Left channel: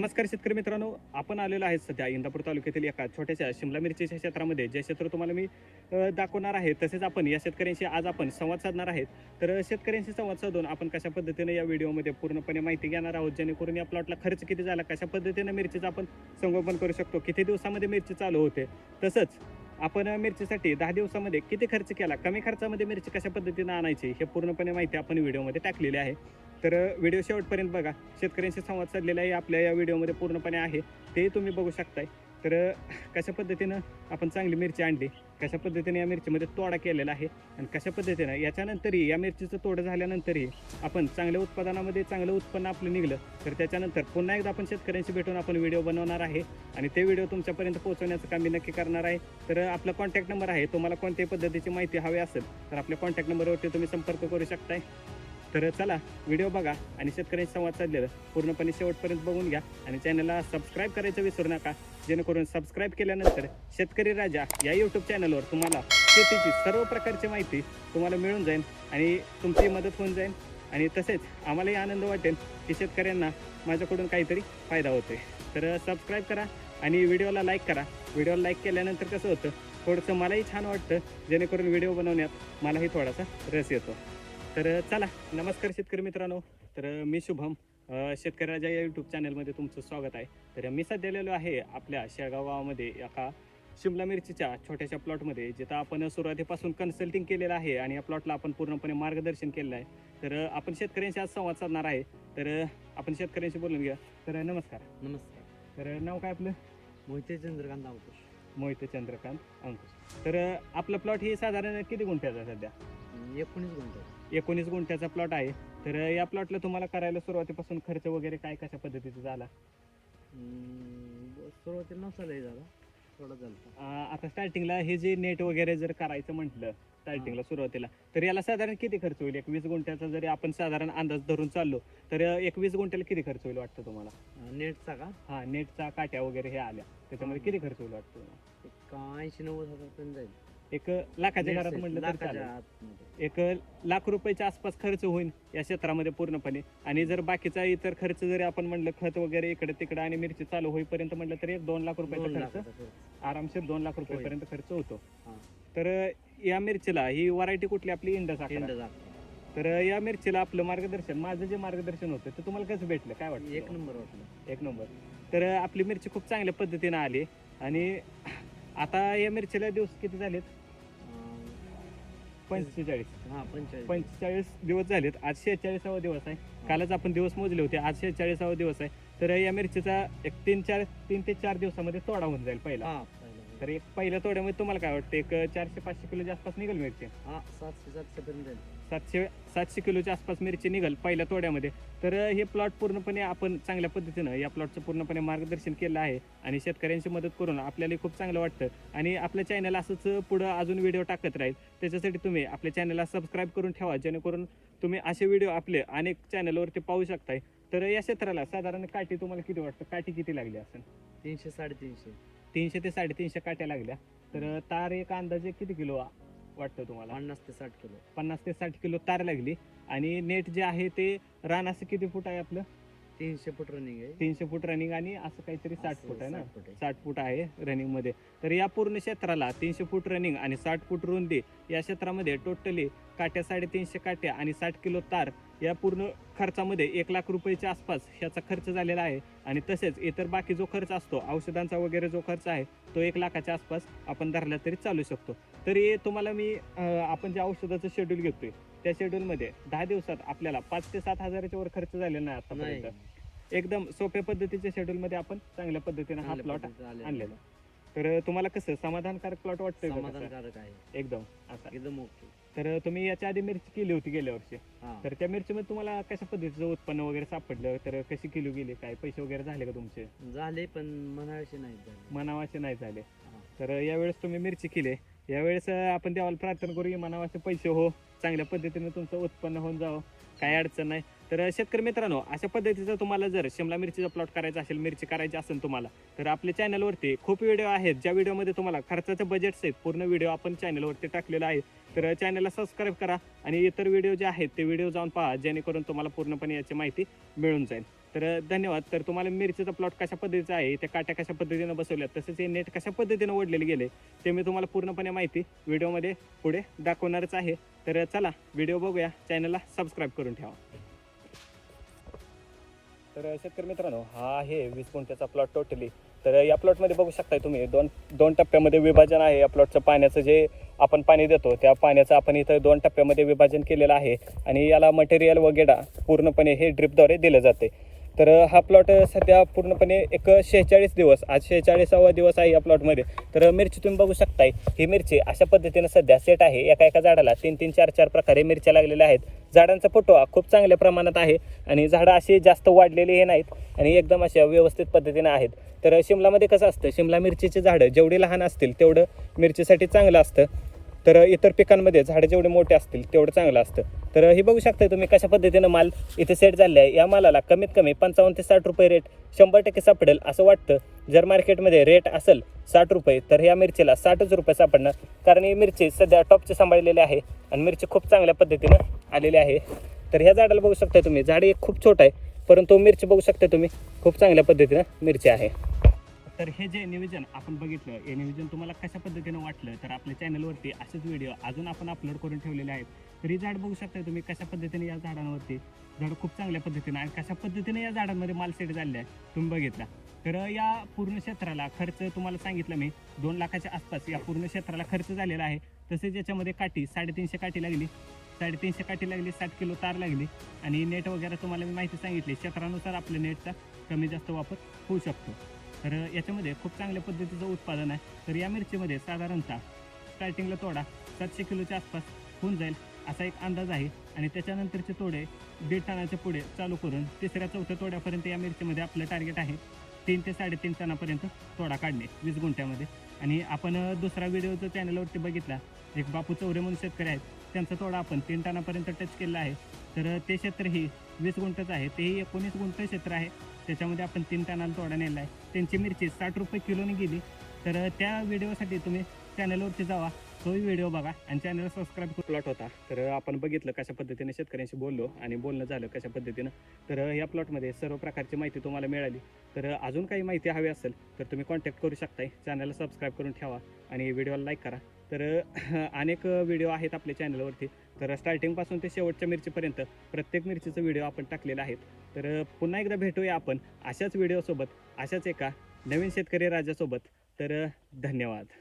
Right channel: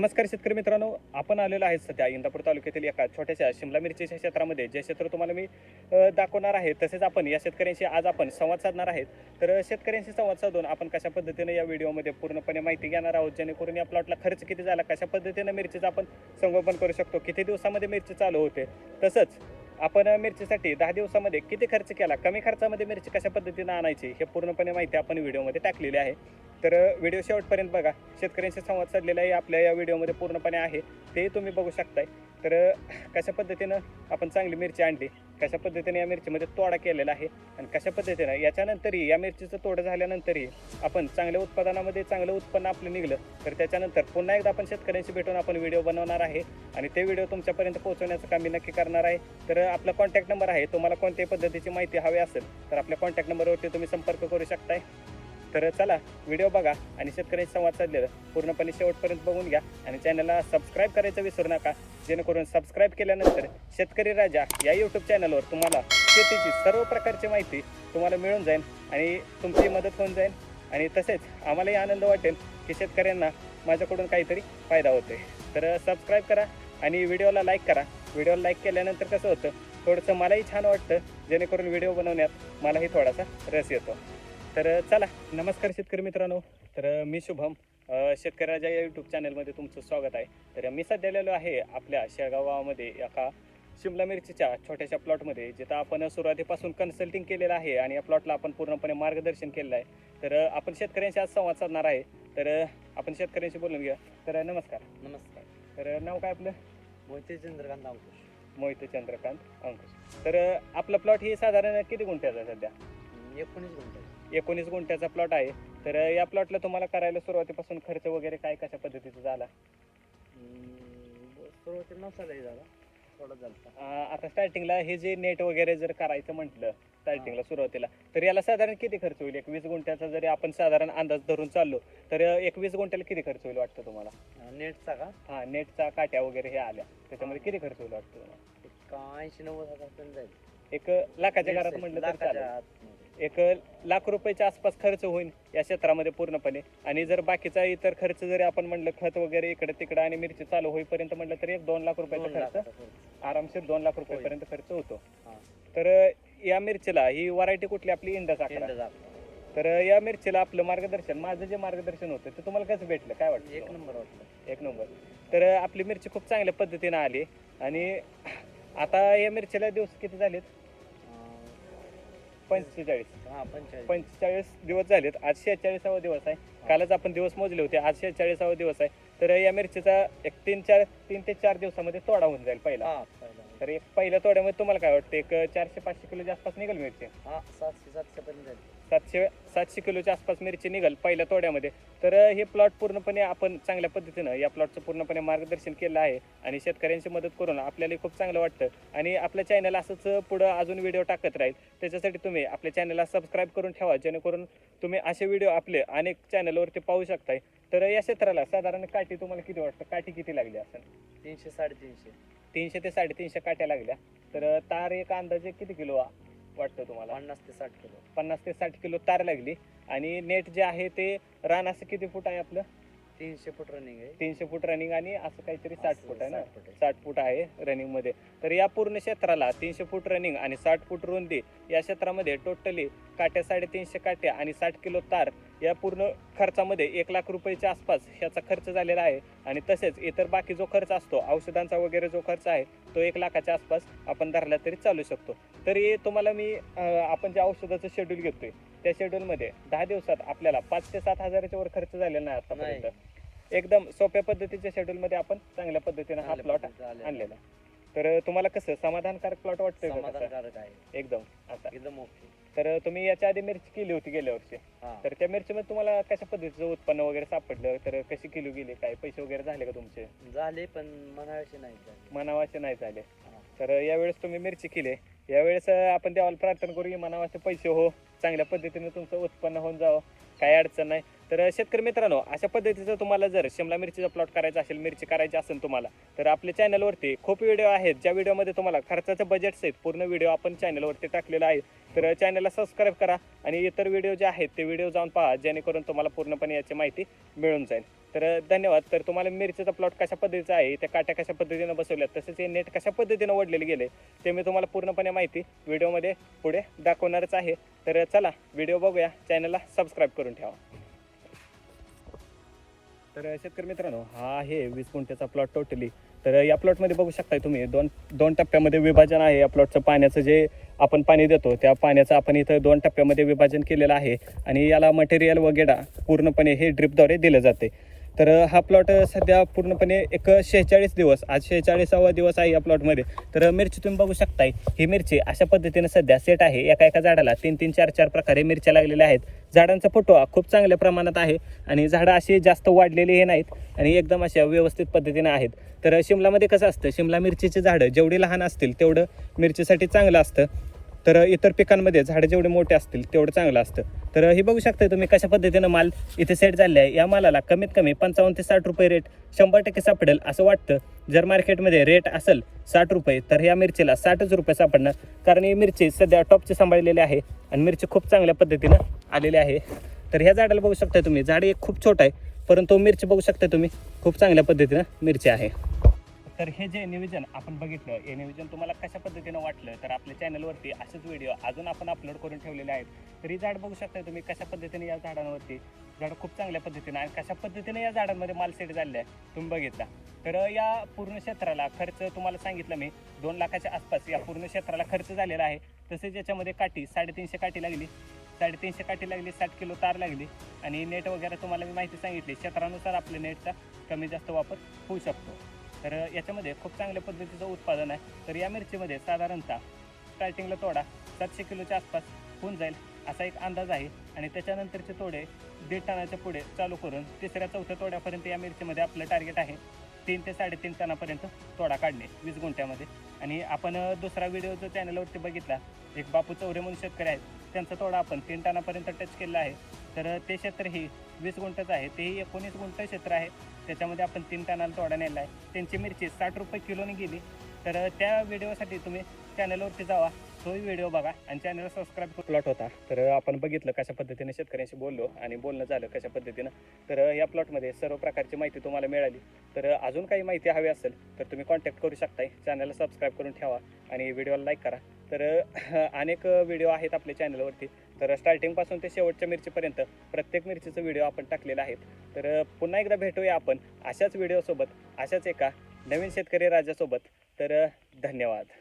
नमस्कार शेतकरी मित्रांनो आपण आलेलो आहे सध्या इंदापूर तालुक्यातील एका छोट्याशा शिमला मिरचीच्या क्षेत्रामध्ये. जे क्षेत्र तुम्हाला मी दाखवणार आहे तसेच आपण या शेतकऱ्यांशी आज आपण संवाद साधणार आहेत. तर शेतकऱ्यांशी संवाद साधून आपण कशा पद्धतीने या व्हिडिओमध्ये पूर्णपणे माहिती घेणार आहोत? जेणेकरून या प्लॉटला खर्च किती झाला? कशा पद्धतीने मिरचीचं आपण संगोपन करू शकतो? किती दिवसामध्ये मिरची चालू होते? तसंच आपण मिरचीसाठी दहा दिवसामध्ये किती खर्च केला? कमी खर्चामध्ये मिरची कशा पद्धतीने आणायची? हे पूर्णपणे माहिती आपण व्हिडिओमध्ये टाकलेली आहे. तर व्हिडिओ शेवटपर्यंत बघा. शेतकऱ्यांशी संवाद साधलेला आहे. आपल्या या व्हिडिओमध्ये पूर्णपणे आहे. ते तुम्ही बघू शकताय. तर कशा पद्धतीनं आपण चांगली मिरची आणली? कशा पद्धतीने या मिरचीमध्ये तोडा केलेला आहे? आणि कशा पद्धतीनं? याच्यानंतरही या मिरचीचं तोडं झाल्यानंतरही आपण चांगल्या उत्पादनामध्ये चांगलं उत्पन्न आपलं निघलं तर त्याच्यानंतर पुन्हा एकदा आपण शेतकऱ्यांशी भेटून आपण व्हिडिओ बनवणार आहे. आणि ते व्हिडिओ तुमच्यापर्यंत पोहोचवण्याचं काम मी नक्की करणार आहे. तर आपला कॉन्टॅक्ट नंबर आहे. तुम्हाला कोणत्याही पद्धतीची माहिती हवी असेल तर आपल्या कॉन्टॅक्ट नंबरवरती तुम्ही संपर्क करू शकताय. तर चला व्हिडिओ बघा आणि शेतकऱ्यांशी संवाद साधलेलं. पूर्णपणे शेवटपर्यंत बघून घ्या. आणि चॅनलला सबस्क्राईब करायचं विसरू नका. जेणेकरून सबस्क्राईब केल्यानंतर शेतकरी राजा या यूट्यूब चॅनलवर तुम्हाला शेतीची सर्व प्रकारची माहिती तुम्हाला मिळून जाईल आणि तुमची मदत होऊन जाईल. आणि तसेच आम्हालाही आनंद वाटेल की शेतकऱ्यांना माझ्याकडून काहीतरी फायदा होतोय. तर सबस्क्राईब करा आणि व्हिडिओला लाईक करा. व्हिडिओला लाईक केल्यानंतर कसं होतं थोडंसं मलाही छान वाटतं जेणेकरून व्हिडिओ बनवण्यात मलाही थोडासा रस येतो. तर चला नमस्कार शेतकरी मित्रांनो. तर मी शुभम राजा या यूट्यूब चॅनलमध्ये तुमचं स्वागत आहे. तर मी सध्या आलेलो आहे आपल्या शेळगाव गावामध्ये एका शिमला मिरचीच्या छोट्याशा प्लॉटमध्ये जिथं आपण सुरुवातीपासून कन्सल्टिंग केलेलं आहे आणि या प्लॉटला आपण पूर्णपणे मार्गदर्शन केलेलं आहे. तर आपण शेतकऱ्यांशी आज संवाद साधणार आहे. तर आपण शेतकऱ्यांशी बोलून घेऊया. तर नमस्कार. नमस्कार. तर नाव काय आपलं? मोहिते चंद्रकांत अंकुश. मोहित चंद्रकांत अंकुश. तर आपला प्लॉट ही साधारण किती गुंठ्याचा सध्या? एकोणीस गुंठे. एकोणीस गुंठ्याचा प्लॉट आहे. तर या प्लॉटला तुम्हाला करायला सुरुवातीपासून खर्च वगैरे काय कशा पद्धतीचा झाला? सुरुवातीला नसालाही झाला. थोडा झाला अं, आता स्टार्टिंगला हे जे नेट वगैरे जर करायचं म्हटलं स्टार्टिंगला सुरुवातीला तर याला साधारण किती खर्च होईल? एक वीस गुंठ्याचा जरी आपण साधारण अंदाज धरून चाललो तर एक वीस गुंठ्याला किती खर्च होईल वाटतं तुम्हाला? नेटचा का? हा नेटचा काट्या वगैरे हे आल्या. त्याच्यामध्ये किती खर्च होईल वाटतं तुम्हाला? ऐंशी नव्वद हजार पण जाईल. एक लाखाच्या घरात म्हटलं तर चालेल. एक लाख रुपयाच्या आसपास खर्च होईल या क्षेत्रामध्ये पूर्णपणे आणि जर बाकीचा इतर खर्च जरी आपण म्हणलं खत वगैरे इकडे तिकडे आणि मिरची चालू होईपर्यंत म्हटलं तर एक दोन लाख रुपयाचा खर्च. आरामशीर दोन लाख रुपयापर्यंत खर्च होतो. तर या मिरचीला ही व्हरायटी कुठली आपली इंडस अकरा. तर या मिरचीला आपलं मार्गदर्शन माझं जे मार्गदर्शन होतं ते तुम्हाला कसं भेटलं काय वाटतं एक? नंबर वाटलं एक नंबर तर आपली मिरची खूप चांगल्या पद्धतीने आली आणि आता या मिरचीला दिवस किती झालेत पंचेचाळीस. हा पंचेचाळीस. पंचेचाळीस दिवस झालेत. आज शेहेचाळीसावा दिवस आहे. कालच आपण दिवस मोजले होते. आज शेहेचाळीसावा दिवस आहे. तर या मिरचीचा एक तीन चार तीन ते चार दिवसामध्ये तोडा होऊन जाईल पहिला. हा. पहिला तर एक पहिल्या तोड्यामध्ये तुम्हाला काय वाटतं? एक चारशे पाचशे किलोच्या आसपास निघेल मिरची? हा सातशे सातशे पर्यंत जाईल. सातशे सातशे किलोच्या आसपास मिरची निघेल पहिल्या तोड्यामध्ये. तर हे प्लॉट पूर्णपणे आपण चांगल्या पद्धतीनं या प्लॉटचं पूर्णपणे मार्गदर्शन केलं आहे आणि शेतकऱ्यांची मदत करून आपल्याला खूप चांगलं वाटतं. आणि आपल्या चॅनल असंच पुढं अजून व्हिडिओ टाकत राहील. त्याच्यासाठी तुम्ही आपल्या चॅनलला सबस्क्राईब करून ठेवा जेणेकरून तुम्ही असे व्हिडिओ आपले अनेक चॅनलवरती पाहू शकताय. तर या क्षेत्राला साधारण काठी तुम्हाला किती वाटतं? काठी किती लागली असेल? तीनशे साडेतीनशे. तीनशे ते साडेतीनशे काट्या लागल्या. तर तार एक अंदाजे किती किलो वा- वाटतं तुम्हाला? पन्नास ते साठ किलो. पन्नास ते साठ किलो तार लागली. आणि नेट जे आहे ते रान असं किती फूट आहे आपलं? तीनशे फूट रनिंग आहे. तीनशे फूट रनिंग आणि असं काहीतरी साठ फूट आहे ना? साठ फूट आहे. साठ फूट आहे रनिंगमध्ये. तर या पूर्ण क्षेत्राला तीनशे फूट रनिंग आणि साठ फूट रुंदी या क्षेत्रामध्ये टोटली काट्या साडेतीनशे काट्या आणि साठ किलो तार या पूर्ण खर्चामध्ये एक लाख रुपयाच्या आसपास ह्याचा खर्च झालेला आहे. आणि तसेच इतर बाकी जो खर्च असतो औषधांचा वगैरे जो खर्च आहे तो एक लाखाच्या आसपास आपण धरला तरी चालू शकतो. तरी तुम्हाला मी अं, आपण जे औषधाचं शेड्यूल घेतोय त्या शेड्यूलमध्ये दहा दिवसात आपल्याला पाच ते सात हजाराच्या वर खर्च झालेला नाही आतापर्यंत. एकदम सोप्या पद्धतीच्या शेड्यूलमध्ये आपण चांगल्या पद्धतीने हा प्लॉट. आणलेला तर तुम्हाला कसं समाधानकारक प्लॉट वाटतोय का तसं? समाधानकारक आहे. एकदम. आता. एकदम ओके तर तुम्ही याच्या आधी मिरची केली होती गेल्या वर्षी. हा. तर त्या मिरचीमध्ये तुम्हाला कशा पद्धतीचं उत्पन्न वगैरे सापडलं? तर कशी किलो गेली? काय पैसे वगैरे झाले का तुमचे? झाले पण मनाविषयी नाही झाले. मनावाचे नाही झाले. हा. तर यावेळेस तुम्ही मिरची केली. यावेळेस अं, आपण देवाला प्रार्थना करू की मनावाचे पैसे हो. चांगल्या पद्धतीने तुमचं उत्पन्न होऊन जावं. काय अडचण नाही. तर शेतकरी मित्रांनो अशा पद्धतीचं तुम्हाला जर शिमला मिरचीचा प्लॉट करायचा असेल मिरची करायची असेल तुम्हाला तर आपल्या चॅनलवरती खूप व्हिडिओ आहेत ज्या व्हिडिओमध्ये तुम्हाला खर्चाचं बजेट सहित पूर्ण व्हिडिओ आपण चॅनलवरती टाकलेला आहे. तर चॅनलला सबस्क्राईब करा आणि इतर व्हिडिओ जे आहेत ते व्हिडिओ जाऊन पहा जेणेकरून तुम्हाला पूर्णपणे याची माहिती मिळून जाईल. तर धन्यवाद. तर तुम्हाला मिरचीचा प्लॉट कशा पद्धतीचा आहे त्या काट्या कशा पद्धतीनं बसवल्यात तसेच हे नेट कशा पद्धतीनं ओढलेले गेले ते मी तुम्हाला पूर्णपणे माहिती व्हिडिओमध्ये पुढे दाखवणारच आहे. तर चला व्हिडिओ बघूया. चॅनलला सबस्क्राईब करून ठेवा. तर शेतकरी मित्रांनो हा आहे वीस गुंठ्याचा प्लॉट टोटली तर या प्लॉटमध्ये बघू शकताय तुम्ही दोन दोन टप्प्यामध्ये विभाजन आहे. या प्लॉटचं पाण्याचं जे आपण पाणी देतो त्या पाण्याचं आपण इथं दोन टप्प्यामध्ये विभाजन केलेलं आहे. आणि याला मटेरियल वगैरे पूर्णपणे हे ड्रिपद्वारे दिलं जाते. तर हा प्लॉट सध्या पूर्णपणे एक शेहेचाळीस दिवस आज शेहेचाळीसावा दिवस आहे या प्लॉटमध्ये तर मिरची तुम्ही बघू शकताय ही मिरची अशा पद्धतीने सध्या सेट आहे. एका एका झाडाला तीन तीन चार चार प्रकारे मिरच्या लागलेल्या आहेत. झाडांचा फुटवा खूप चांगल्या प्रमाणात आहे आणि झाडं अशी जास्त वाढलेली हे नाहीत आणि एकदम अशा व्यवस्थित पद्धतीने आहेत. तर शिमलामध्ये कसं असतं शिमला मिरचीचे झाडं जेवढी लहान असतील तेवढं मिरचीसाठी चांगलं असतं. तर इतर पिकांमध्ये झाडं जेवढे मोठे असतील तेवढं चांगलं असतं. तर हे बघू शकता तुम्ही कशा पद्धतीनं माल इथे सेट झाले आहे या मालाला कमीत कमी पंचावन्न ते साठ रुपये रेट शंभर टक्के सापडेल असं वाटतं. जर मार्केटमध्ये रेट असेल साठ रुपये तर या मिरचीला साठच रुपये सापडणार. कारण ही मिरची सध्या टॉपची सांभाळलेली आहे आणि मिरची खूप चांगल्या पद्धतीनं आलेली आहे. तर ह्या झाडाला बघू शकता तुम्ही. झाड एक खूप छोटं आहे परंतु मिरची बघू शकता तुम्ही. खूप चांगल्या पद्धतीनं मिरची आहे. तर हे जे नियोजन आपण बघितलं हे नियोजन तुम्हाला कशा पद्धतीनं वाटलं? तर आपल्या चॅनलवरती असेच व्हिडिओ अजून आपण अपलोड करून ठेवलेले आहेत. तर ही झाड बघू शकता तुम्ही कशा पद्धतीने या झाडांवरती झाड खूप चांगल्या पद्धतीनं आणि कशा पद्धतीने या झाडांमध्ये मालसेट झालेलं आहे तुम्ही बघितला. तर या पूर्ण क्षेत्राला खर्च तुम्हाला सांगितलं मी दोन लाखाच्या आसपास या पूर्ण क्षेत्राला खर्च झालेला आहे. तसेच याच्यामध्ये काठी साडेतीनशे काठी लागली. साडेतीनशे काठी लागली साठ किलो तार लागली. आणि नेट वगैरे तुम्हाला मी माहिती सांगितली क्षेत्रानुसार आपल्या नेटचा कमी जास्त वापर होऊ शकतो. तर याच्यामध्ये खूप चांगल्या पद्धतीचं उत्पादन आहे. तर या मिरचीमध्ये साधारणतः स्टार्टिंगला तोडा सातशे किलोच्या आसपास होऊन जाईल असा एक अंदाज आहे. आणि त्याच्यानंतरचे तोडे दीड टनाच्या पुढे चालू करून तिसऱ्या चौथ्या तोड्यापर्यंत या मिरचीमध्ये आपलं टार्गेट आहे. तीन ते साडेतीन टनापर्यंत तोडा काढणे वीस गुंठ्यामध्ये. आणि आपण दुसरा व्हिडिओ जो चॅनलवरती बघितला एक बापू चौरे म्हणून शेतकरी आहेत त्यांचा तोडा आपण तीन टनापर्यंत टच केलेला आहे. तर ते क्षेत्र ही वीस गुंठच आहे तेही एकोणीस गुंठ क्षेत्र आहे. त्याच्यामध्ये आपण तीन टनाला तोडा नेला आहे. त्यांची मिरची साठ रुपये किलोने गेली. तर त्या व्हिडिओसाठी तुम्ही चॅनलवरती जावा. तोही व्हिडिओ बघा आणि चॅनल सबस्क्राईब प्लॉट होता. तर आपण बघितलं कशा पद्धतीने शेतकऱ्यांशी बोललो आणि बोलणं झालं कशा पद्धतीनं. तर या प्लॉटमध्ये सर्व प्रकारची माहिती तुम्हाला मिळाली. तर अजून काही माहिती हवी असेल तर तुम्ही कॉन्टॅक्ट करू शकताय. चॅनलला सबस्क्राईब करून ठेवा आणि व्हिडिओला लाईक करा. तर अनेक व्हिडिओ आहेत आपल्या चॅनलवरती तर स्टार्टिंगपासून ते शेवटच्या मिरचीपर्यंत प्रत्येक मिरचीचं व्हिडिओ आपण टाकलेला आहेत. तर पुन्हा एकदा भेटूया आपण अशाच व्हिडिओसोबत अशाच एका नवीन शेतकरी राजासोबत. तर धन्यवाद.